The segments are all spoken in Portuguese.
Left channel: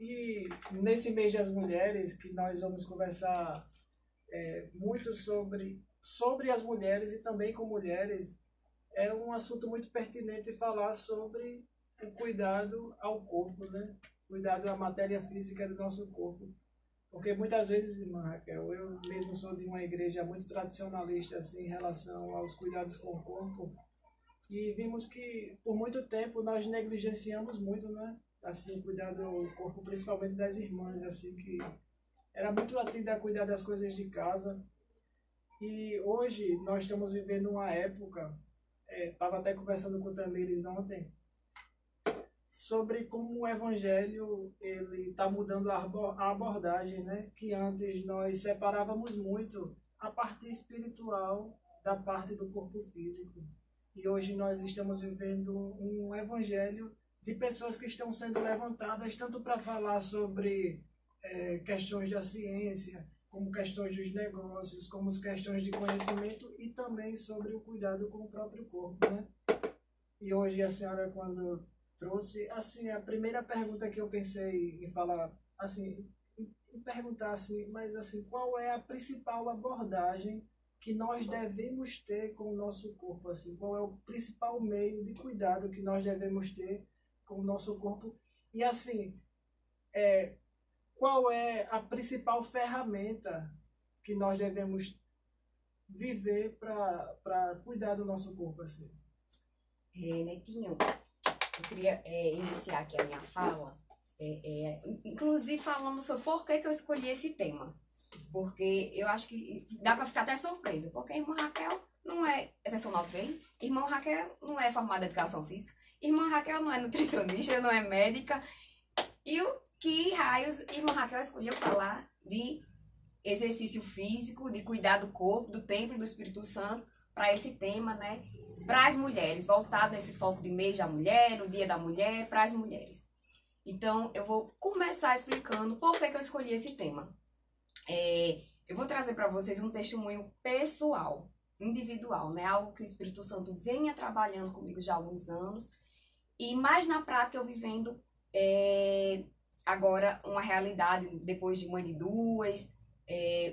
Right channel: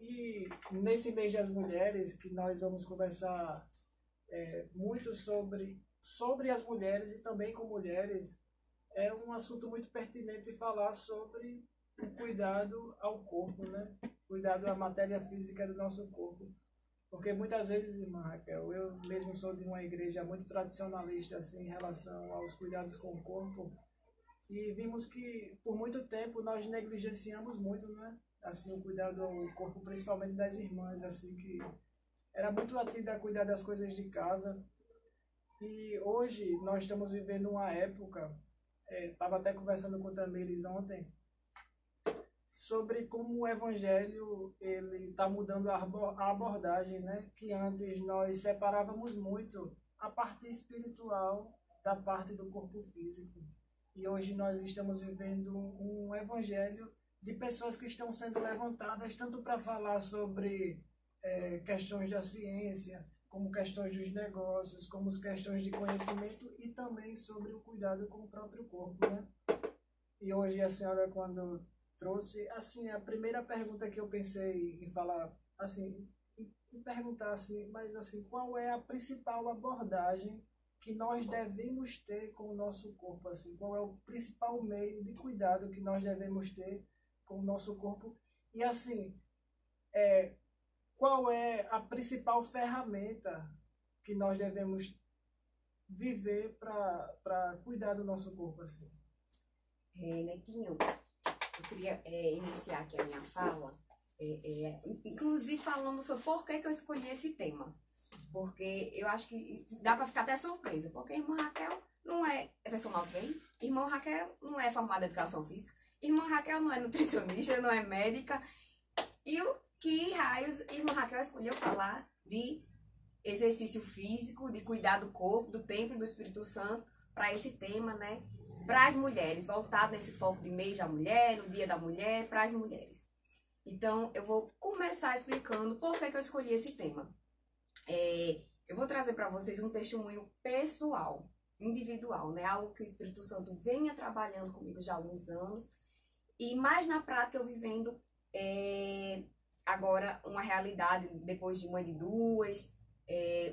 E nesse mês das mulheres, que nós vamos conversar muito sobre as mulheres e também com mulheres, é um assunto muito pertinente falar sobre o cuidado ao corpo, né? Cuidado à matéria física do nosso corpo. Porque muitas vezes, irmã Raquel, eu mesmo sou de uma igreja muito tradicionalista assim, em relação aos cuidados com o corpo, e vimos que por muito tempo nós negligenciamos muito, né? Assim, o cuidado ao corpo, principalmente das irmãs, assim, que era muito atenta a cuidar das coisas de casa. E hoje nós estamos vivendo uma época, estava até conversando com o Tamires ontem, sobre como o evangelho ele está mudando a abordagem, né? Que antes nós separávamos muito a parte espiritual da parte do corpo físico. E hoje nós estamos vivendo um evangelho de pessoas que estão sendo levantadas tanto para falar sobre questões da ciência, como questões dos negócios, como as questões de conhecimento e também sobre o cuidado com o próprio corpo, né? E hoje a senhora, quando trouxe, assim, a primeira pergunta que eu pensei em falar, assim, em perguntar assim, mas assim, qual é a principal abordagem que nós devemos ter com o nosso corpo, assim, qual é o principal meio de cuidado que nós devemos ter com o nosso corpo e assim, qual é a principal ferramenta que nós devemos viver para cuidar do nosso corpo, assim. Netinho, eu queria iniciar aqui a minha fala, inclusive falando sobre por que eu escolhi esse tema. Porque eu acho que dá para ficar até surpresa, porque a irmã Raquel não é personal trainer, irmã Raquel não é formada em educação física, irmã Raquel não é nutricionista, não é médica. E o que raios irmã Raquel escolheu falar de exercício físico, de cuidar do corpo, do templo do Espírito Santo, para esse tema, né? Para as mulheres, voltado nesse foco de mês da mulher, no dia da mulher, para as mulheres. Então, eu vou começar explicando por que eu escolhi esse tema. Eu vou trazer para vocês um testemunho pessoal, individual, né? Algo que o Espírito Santo venha trabalhando comigo já há alguns anos. E mais na prática eu vivendo agora uma realidade depois de mãe de duas,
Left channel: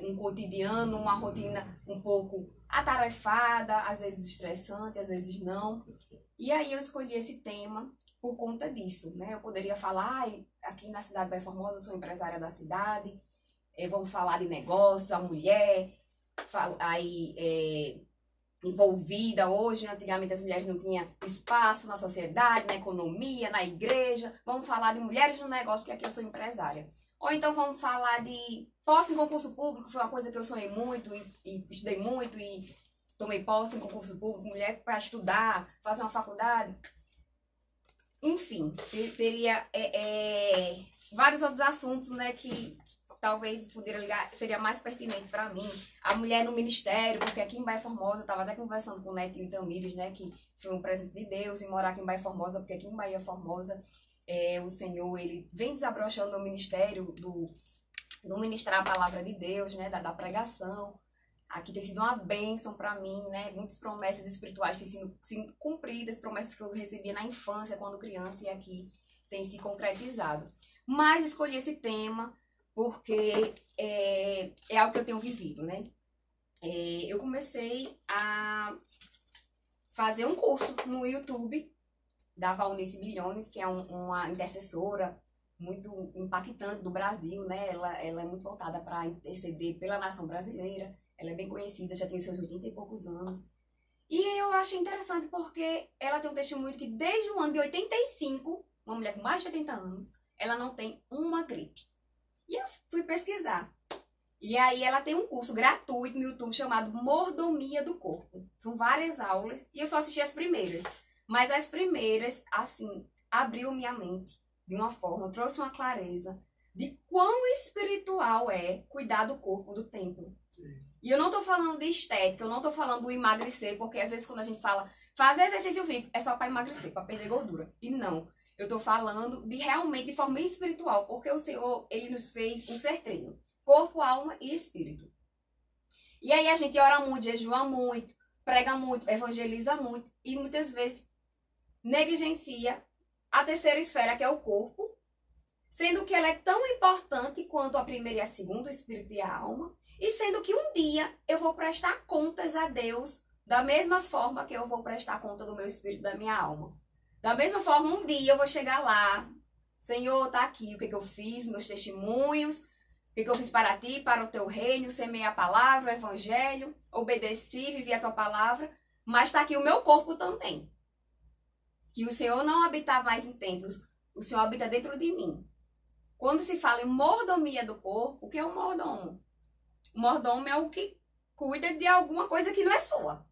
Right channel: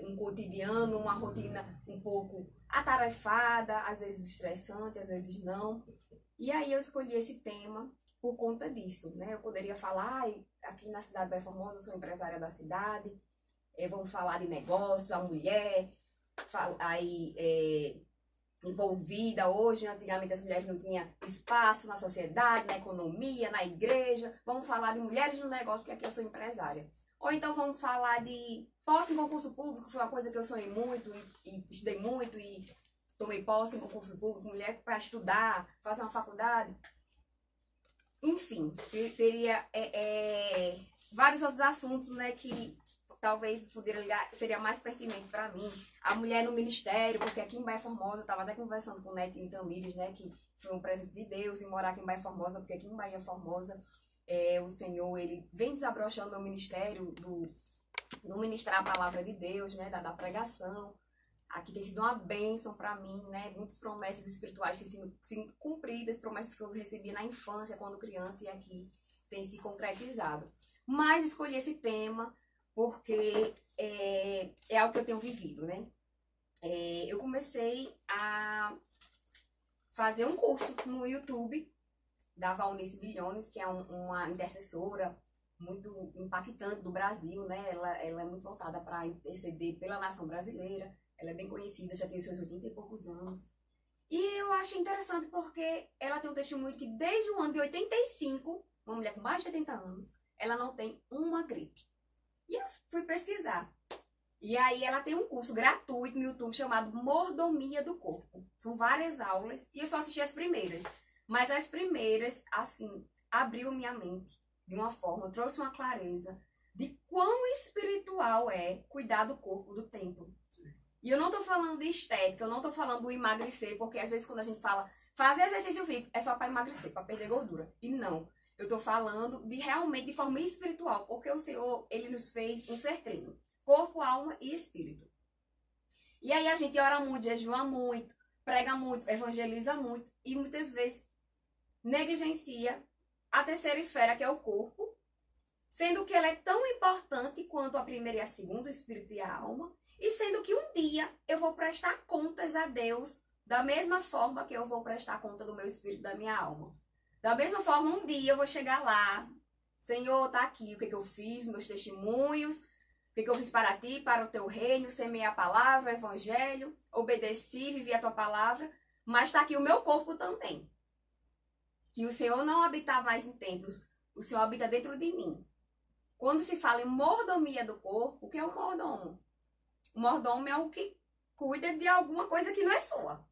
um cotidiano, uma rotina um pouco atarefada, às vezes estressante, às vezes não. E aí eu escolhi esse tema por conta disso, né? Eu poderia falar, aqui na cidade de Bahia Formosa, eu sou empresária da cidade, vamos falar de negócio, a mulher envolvida hoje. Antigamente as mulheres não tinham espaço na sociedade, na economia, na igreja. Vamos falar de mulheres no negócio, porque aqui eu sou empresária. Ou então vamos falar de posse em concurso público, foi uma coisa que eu sonhei muito e estudei muito e tomei posse em concurso público, mulher para estudar, fazer uma faculdade. Enfim, teria vários outros assuntos, né, que talvez poderia ligar, seria mais pertinente para mim. A mulher no ministério, porque aqui em Bahia Formosa, eu estava até conversando com o Netinho e Tamires, né, que foi um presente de Deus em morar aqui em Bahia Formosa, porque aqui em Bahia Formosa o Senhor, ele vem desabrochando o ministério do ministrar a palavra de Deus, né, da pregação. Aqui tem sido uma bênção para mim, né, muitas promessas espirituais têm sido cumpridas, promessas que eu recebia na infância, quando criança, e aqui tem se concretizado. Mas escolhi esse tema porque é algo que eu tenho vivido, né. Eu comecei a fazer um curso no YouTube da Valnice Bilhones, que é uma intercessora muito impactante do Brasil, né? Ela é muito voltada para interceder pela nação brasileira. Ela é bem conhecida, já tem seus 80 e poucos anos. E eu achei interessante porque ela tem um testemunho que desde o ano de 85, uma mulher com mais de 80 anos, ela não tem uma gripe. E eu fui pesquisar. E aí ela tem um curso gratuito no YouTube chamado Mordomia do Corpo. São várias aulas e eu só assisti as primeiras. Mas as primeiras, assim, abriu minha mente de uma forma, trouxe uma clareza de quão espiritual é cuidar do corpo, do templo. Sim. E eu não tô falando de estética, eu não tô falando do emagrecer, porque às vezes quando a gente fala fazer exercício físico é só para emagrecer, para perder gordura. E não, eu tô falando de realmente de forma espiritual, porque o Senhor, ele nos fez um ser treino, corpo, alma e espírito. E aí a gente ora muito, jejua muito, prega muito, evangeliza muito e muitas vezes negligencia a terceira esfera, que é o corpo, sendo que ela é tão importante quanto a primeira e a segunda, o espírito e a alma, e sendo que um dia eu vou prestar contas a Deus da mesma forma que eu vou prestar conta do meu espírito e da minha alma. Da mesma forma, um dia eu vou chegar lá, Senhor, tá aqui o que eu fiz, meus testemunhos, o que eu fiz para ti, para o teu reino, semeei a palavra, o evangelho, obedeci, vivi a tua palavra, mas está aqui o meu corpo também. Que o Senhor não habita mais em templos, o Senhor habita dentro de mim. Quando se fala em mordomia do corpo, o que é um mordomo? O mordomo é o que cuida de alguma coisa que não é sua.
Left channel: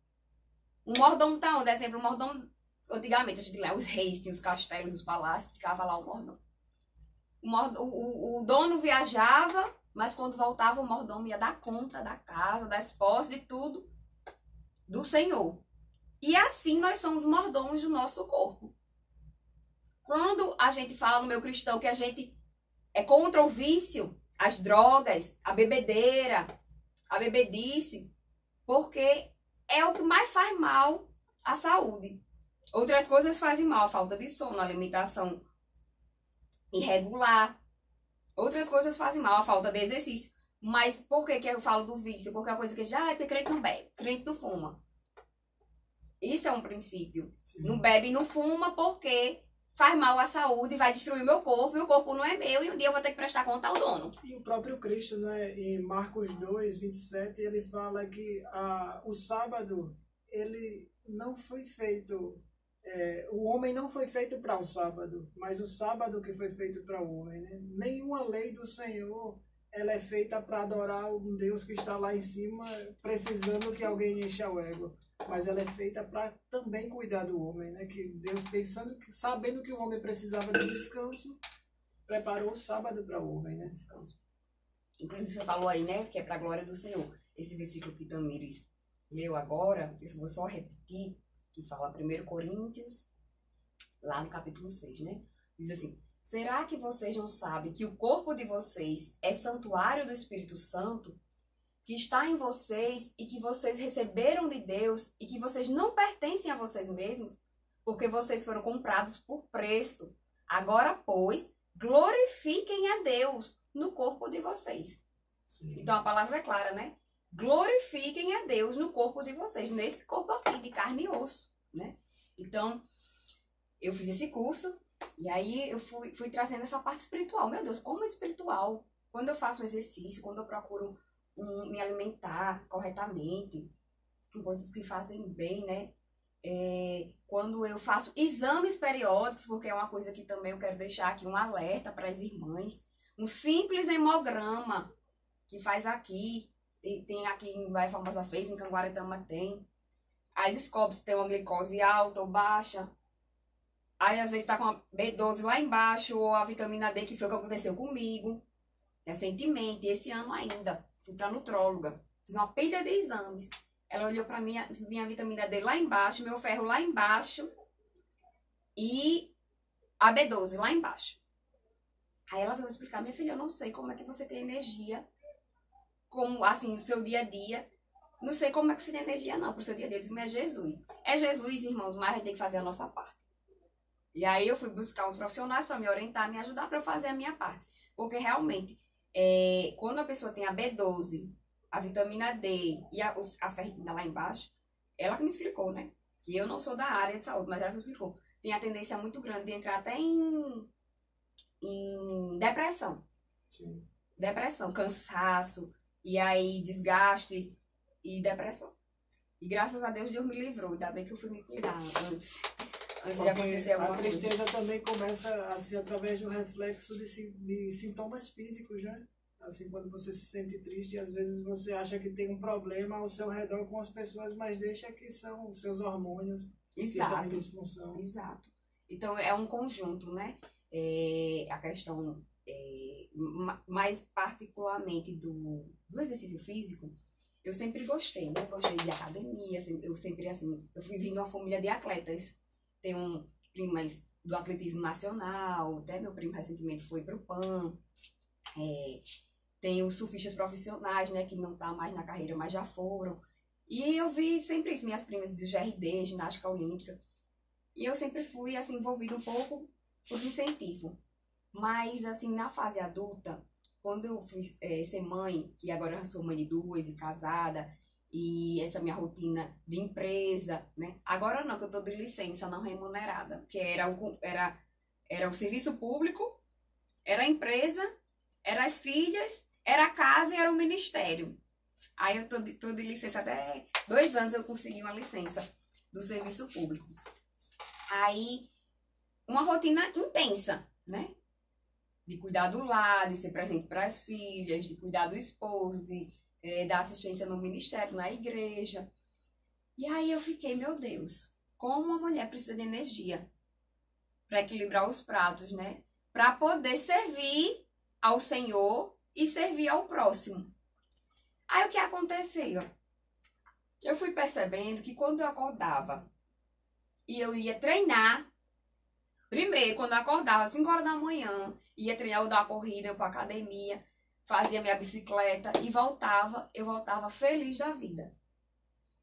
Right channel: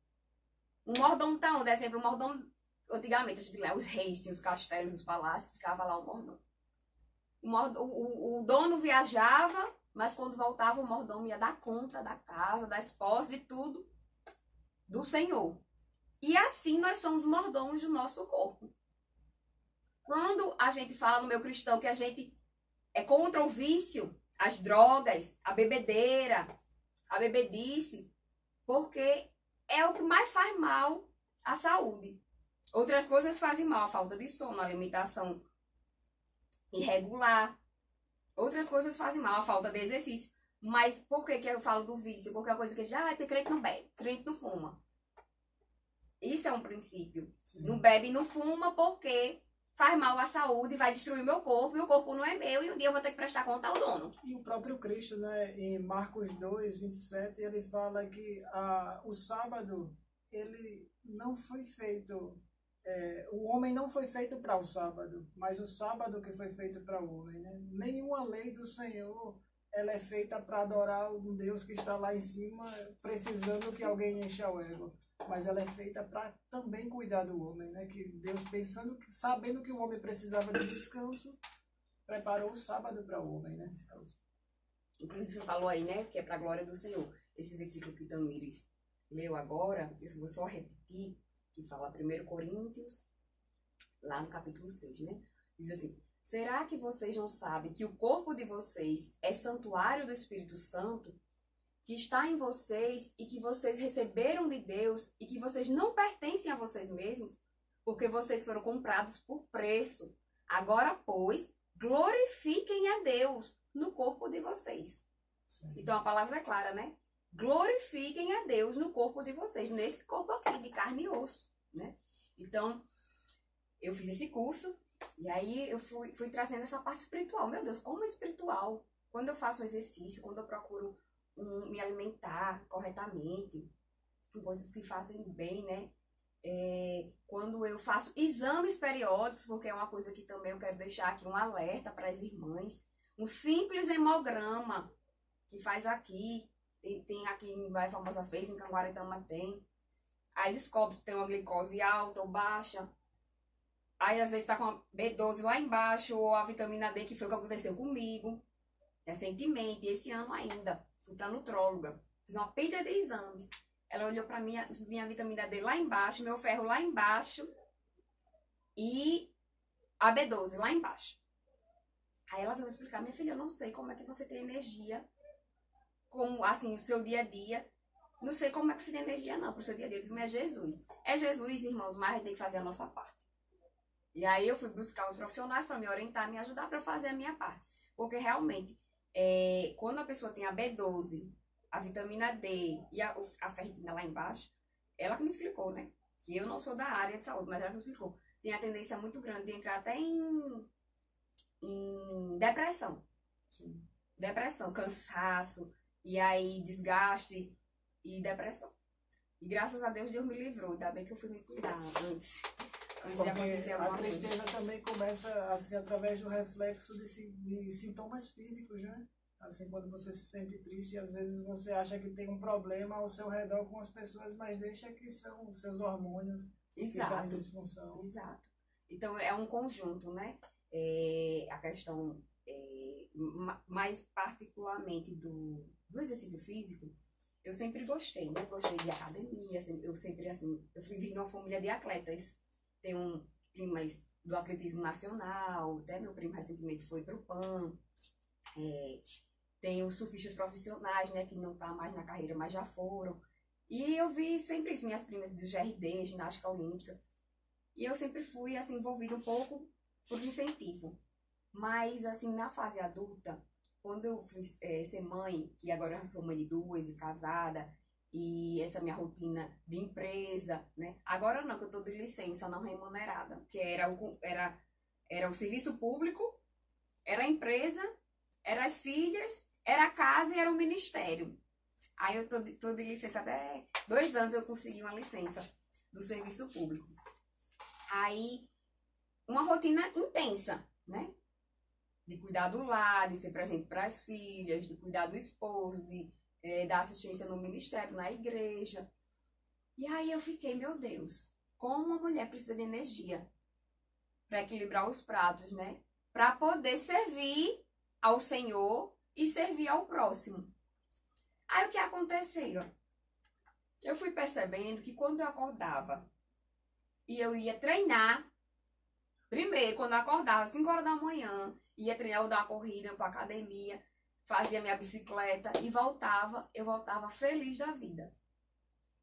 Um mordomo tá onde? Exemplo, um mordomo, antigamente, a gente lá, os reis tinham os castelos, os palácios, ficava lá o mordomo. O dono viajava, mas quando voltava o mordomo ia dar conta da casa, das posses, de tudo do Senhor. E assim nós somos mordomos do nosso corpo. Quando a gente fala no meio cristão que a gente é contra o vício, as drogas, a bebedeira, a bebedice, porque é o que mais faz mal à saúde. Outras coisas fazem mal, a falta de sono, a alimentação irregular. Outras coisas fazem mal, a falta de exercício. Mas por que eu falo do vício? Porque é uma coisa que já é porque crente não bebe, crente não fuma. Isso é um princípio. Sim. Não bebe e não fuma porque faz mal à saúde, vai destruir meu corpo, e o corpo não é meu, e um dia eu vou ter que prestar conta ao dono. E o próprio Cristo, né, em Marcos 2, 27, ele fala que o sábado, ele não foi feito... o homem não foi feito para o sábado, mas o sábado que foi feito para o homem, né? Nenhuma lei do Senhor ela é feita para adorar um Deus que está lá em cima, precisando que alguém encha o ego. Mas ela é feita para também cuidar do homem, né? Que Deus, sabendo que o homem precisava de descanso, preparou o sábado para o homem, né? Descanso. Inclusive, você falou aí, né? Que é para a glória do Senhor. Esse versículo que Tamires leu agora, eu vou só repetir, que fala 1 Coríntios, lá no capítulo 6, né? Diz assim: será que vocês não sabem que o corpo de vocês é santuário do Espírito Santo, que está em vocês e que vocês receberam de Deus e que vocês não pertencem a vocês mesmos, porque vocês foram comprados por preço? Agora, pois, glorifiquem a Deus no corpo de vocês. Sim. Então, a palavra é clara, né? Glorifiquem a Deus no corpo de vocês, nesse corpo aqui, de carne e osso, né? Então, eu fiz esse curso e aí eu fui trazendo essa parte espiritual. Meu Deus, como espiritual? Quando eu faço um exercício, quando eu procuro me alimentar corretamente, com coisas que fazem bem, né? Quando eu faço exames periódicos, porque é uma coisa que também eu quero deixar aqui um alerta para as irmãs, um simples hemograma que faz aqui, tem aqui em Bahia Formosa fez, em Canguaretama tem, aí descobre se tem uma glicose alta ou baixa, aí às vezes tá com a B12 lá embaixo, ou a vitamina D, que foi o que aconteceu comigo recentemente, esse ano ainda. Fui pra nutróloga, fiz uma pilha de exames. Ela olhou pra minha vitamina D lá embaixo, meu ferro lá embaixo e a B12 lá embaixo. Aí ela veio me explicar: minha filha, eu não sei como é que você tem energia, como assim, o seu dia a dia. Não sei como é que você tem energia não, pro seu dia a dia. Eu disse: mas é Jesus. É Jesus, irmãos, mas a gente tem que fazer a nossa parte. E aí eu fui buscar os profissionais para me orientar, me ajudar para eu fazer a minha parte. Porque realmente, quando a pessoa tem a B12, a vitamina D e a ferritina lá embaixo, ela que me explicou, né? Que eu não sou da área de saúde, mas ela que me explicou. Tem a tendência muito grande de entrar até em depressão. Sim. Depressão, cansaço, e aí desgaste e depressão. E graças a Deus me livrou. Ainda bem que eu fui me cuidar antes de acontecer alguma coisa. A tristeza também começa assim através do reflexo de sintomas físicos, né? Assim, quando você se sente triste, às vezes você acha que tem um problema ao seu redor com as pessoas, mas deixa que são os seus hormônios que estão em disfunção. Exato. Então, é um conjunto, né? A questão, mais particularmente do exercício físico, eu sempre gostei, né? Gostei de academia, eu sempre, assim, eu fui vindo de uma família de atletas. Tenho primas do atletismo nacional, até meu primo recentemente foi pro PAN. Tenho surfistas profissionais, né, que não tá mais na carreira, mas já foram. E eu vi sempre isso, minhas primas do GRD, ginástica olímpica. E eu sempre fui, assim, envolvida um pouco por incentivo. Mas, assim, na fase adulta, quando eu fui ser mãe, e agora eu sou mãe de duas e casada, e essa minha rotina de empresa, né? Agora não, que eu tô de licença não remunerada, porque era o serviço público, era a empresa, era as filhas, era a casa e era o ministério. Aí eu tô de licença até 2 anos eu consegui uma licença do serviço público. Aí, uma rotina intensa, né? De cuidar do lar, de ser presente para as filhas, de cuidar do esposo, de dar assistência no ministério, na igreja. E aí eu fiquei, meu Deus, como uma mulher precisa de energia para equilibrar os pratos, né? Para poder servir ao Senhor e servir ao próximo. Aí o que aconteceu? Eu fui percebendo que quando eu acordava e eu ia treinar, primeiro, quando eu acordava, às 5 horas da manhã, ia treinar, eu dar uma corrida, eu ia pra academia, fazia minha bicicleta e eu voltava feliz da vida.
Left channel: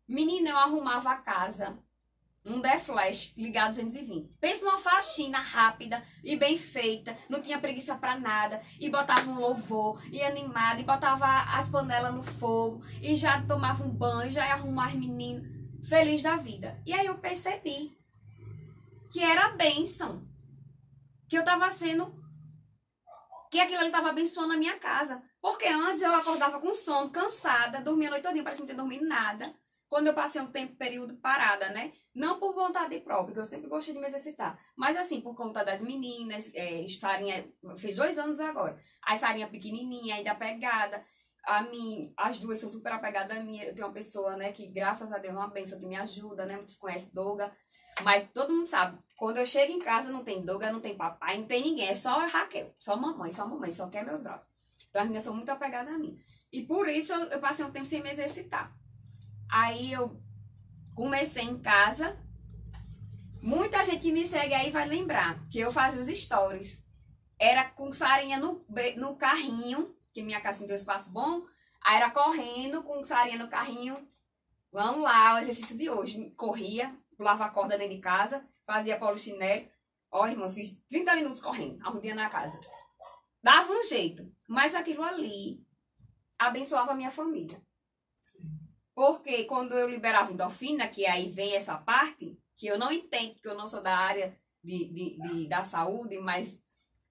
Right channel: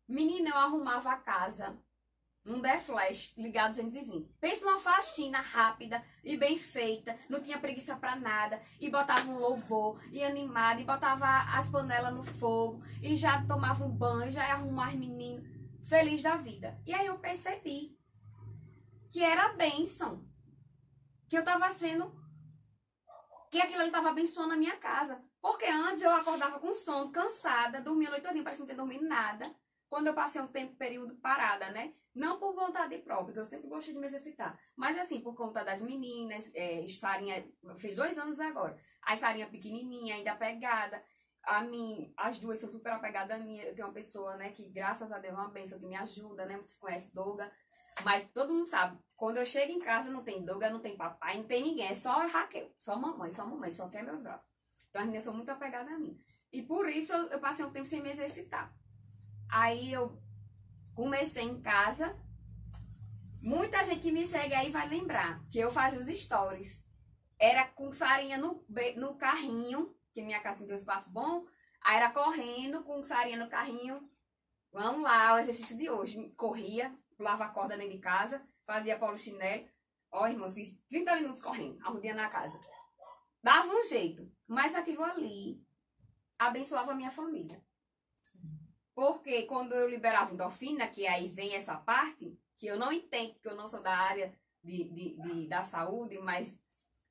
Menina, eu arrumava a casa, um flash ligado 220. Pensa numa faxina rápida e bem feita, não tinha preguiça pra nada, e botava um louvor, e animada, e botava as panelas no fogo, e já tomava um banho, já ia arrumar as meninas, feliz da vida. E aí eu percebi que era bênção, que eu tava sendo, que aquilo ali tava abençoando a minha casa. Porque antes eu acordava com sono, cansada, dormia a noite todinha, parecia não ter dormido nada. Quando eu passei um período parada, né? Não por vontade própria, porque eu sempre gostei de me exercitar. Mas assim, por conta das meninas, Sarinha fez 2 anos agora. A Sarinha pequenininha, ainda apegada. As duas são super apegadas a mim. Eu tenho uma pessoa, né, que graças a Deus é uma bênção, que me ajuda, né? Muitos conhecem Doga. Mas todo mundo sabe, quando eu chego em casa não tem Doga, não tem papai, não tem ninguém. É só a Raquel, só mamãe, só quer meus braços. Então as meninas são muito apegadas a mim. E por isso eu passei um tempo sem me exercitar. Aí eu comecei em casa. Muita gente que me segue aí vai lembrar que eu fazia os stories. Era com Sarinha no carrinho, que minha casa tem um espaço bom. Aí era correndo com Sarinha no carrinho. Vamos lá, o exercício de hoje. Corria, pulava a corda dentro de casa, fazia polichinelo. Ó, irmãos, fiz 30 minutos correndo, arrudinha na casa. Dava um jeito, mas aquilo ali abençoava a minha família. Porque quando eu liberava endorfina, que aí vem essa parte, que eu não entendo, porque eu não sou da área da saúde, mas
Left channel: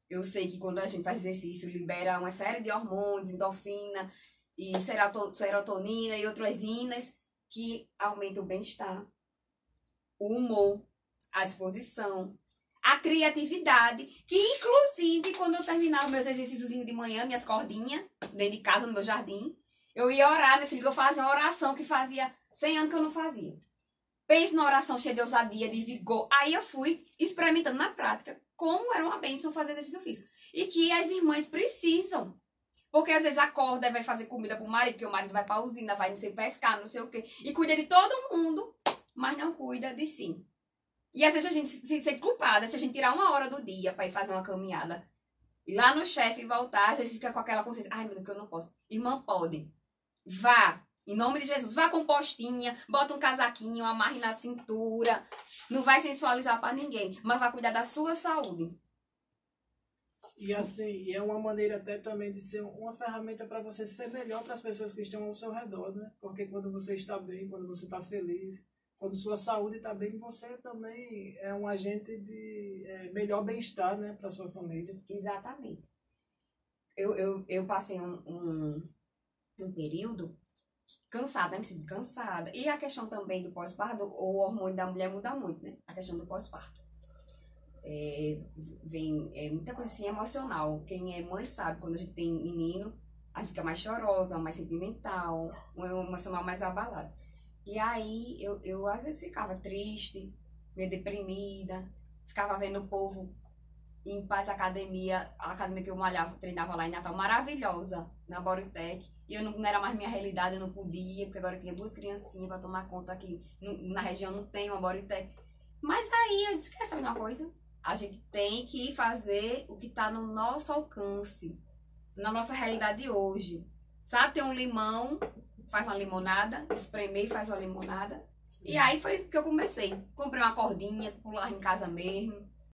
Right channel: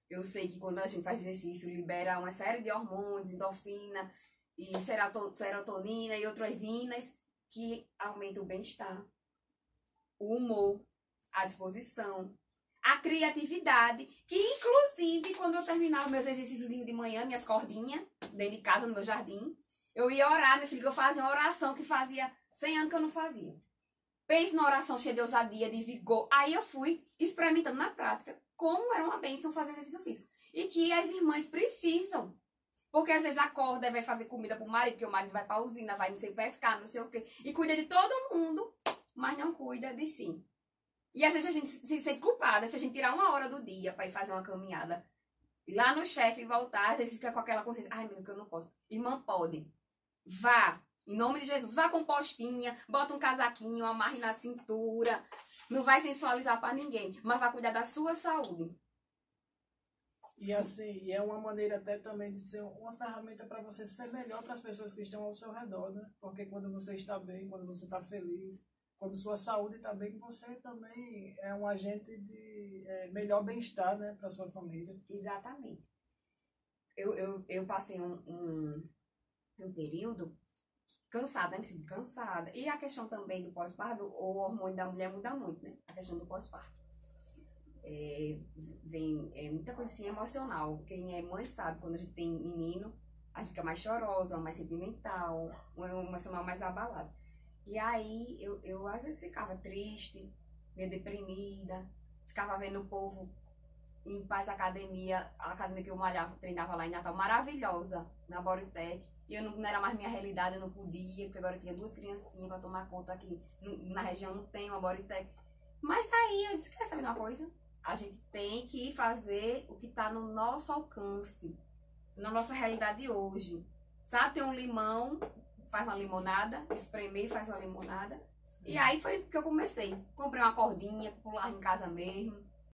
eu sei que quando a gente faz exercício, libera uma série de hormônios, endorfina, e serotonina e outras inas, que aumentam o bem-estar, o humor, a disposição, a criatividade, que inclusive quando eu terminava meus exercícios de manhã, minhas cordinhas, dentro de casa, no meu jardim, eu ia orar, meu filho, que eu fazia uma oração que fazia 100 anos que eu não fazia. Pense na oração cheia de ousadia, de vigor. Aí eu fui experimentando na prática como era uma bênção fazer exercício físico. E que as irmãs precisam. Porque às vezes acorda e vai fazer comida pro marido, porque o marido vai pra usina, vai não sei pescar, não sei o quê. E cuida de todo mundo, mas não cuida de si. E às vezes a gente se sente culpada se a gente tirar 1 hora do dia pra ir fazer uma caminhada. Ir lá no chefe e voltar, às vezes fica com aquela consciência. Ai, meu Deus, que eu não posso. Irmã, pode. Vá, em nome de Jesus, vá com postinha, bota um casaquinho, amarre na cintura, não vai sensualizar para ninguém, mas vai cuidar da sua saúde. E assim, é uma maneira até também de ser uma ferramenta para você ser melhor para as pessoas que estão ao seu redor, né? Porque quando você está bem, quando você está feliz, quando sua saúde está bem, você também é um agente de melhor bem-estar, né, para sua família. Exatamente. Eu passei um período cansada, me senti cansada. E a questão também do pós-parto, o hormônio da mulher muda muito, né? A questão do pós-parto. Vem muita coisa assim emocional. Quem é mãe sabe, quando a gente tem menino, a gente fica mais chorosa, mais sentimental, um emocional mais abalado. E aí eu às vezes ficava triste, meio deprimida, ficava vendo o povo em paz academia, a academia que eu malhava, treinava lá em Natal, maravilhosa, na Bodytech. E eu não era mais minha realidade, eu não podia, porque agora eu tinha 2 criancinhas para tomar conta aqui. Na região não tem uma Bodytech. Mas aí eu disse, quer saber uma coisa? A gente tem que fazer o que está no nosso alcance, na nossa realidade hoje. Sabe, tem um limão, faz uma limonada, espremer e faz uma limonada. Sim. E aí foi que eu comecei. Comprei uma cordinha, pular em casa mesmo.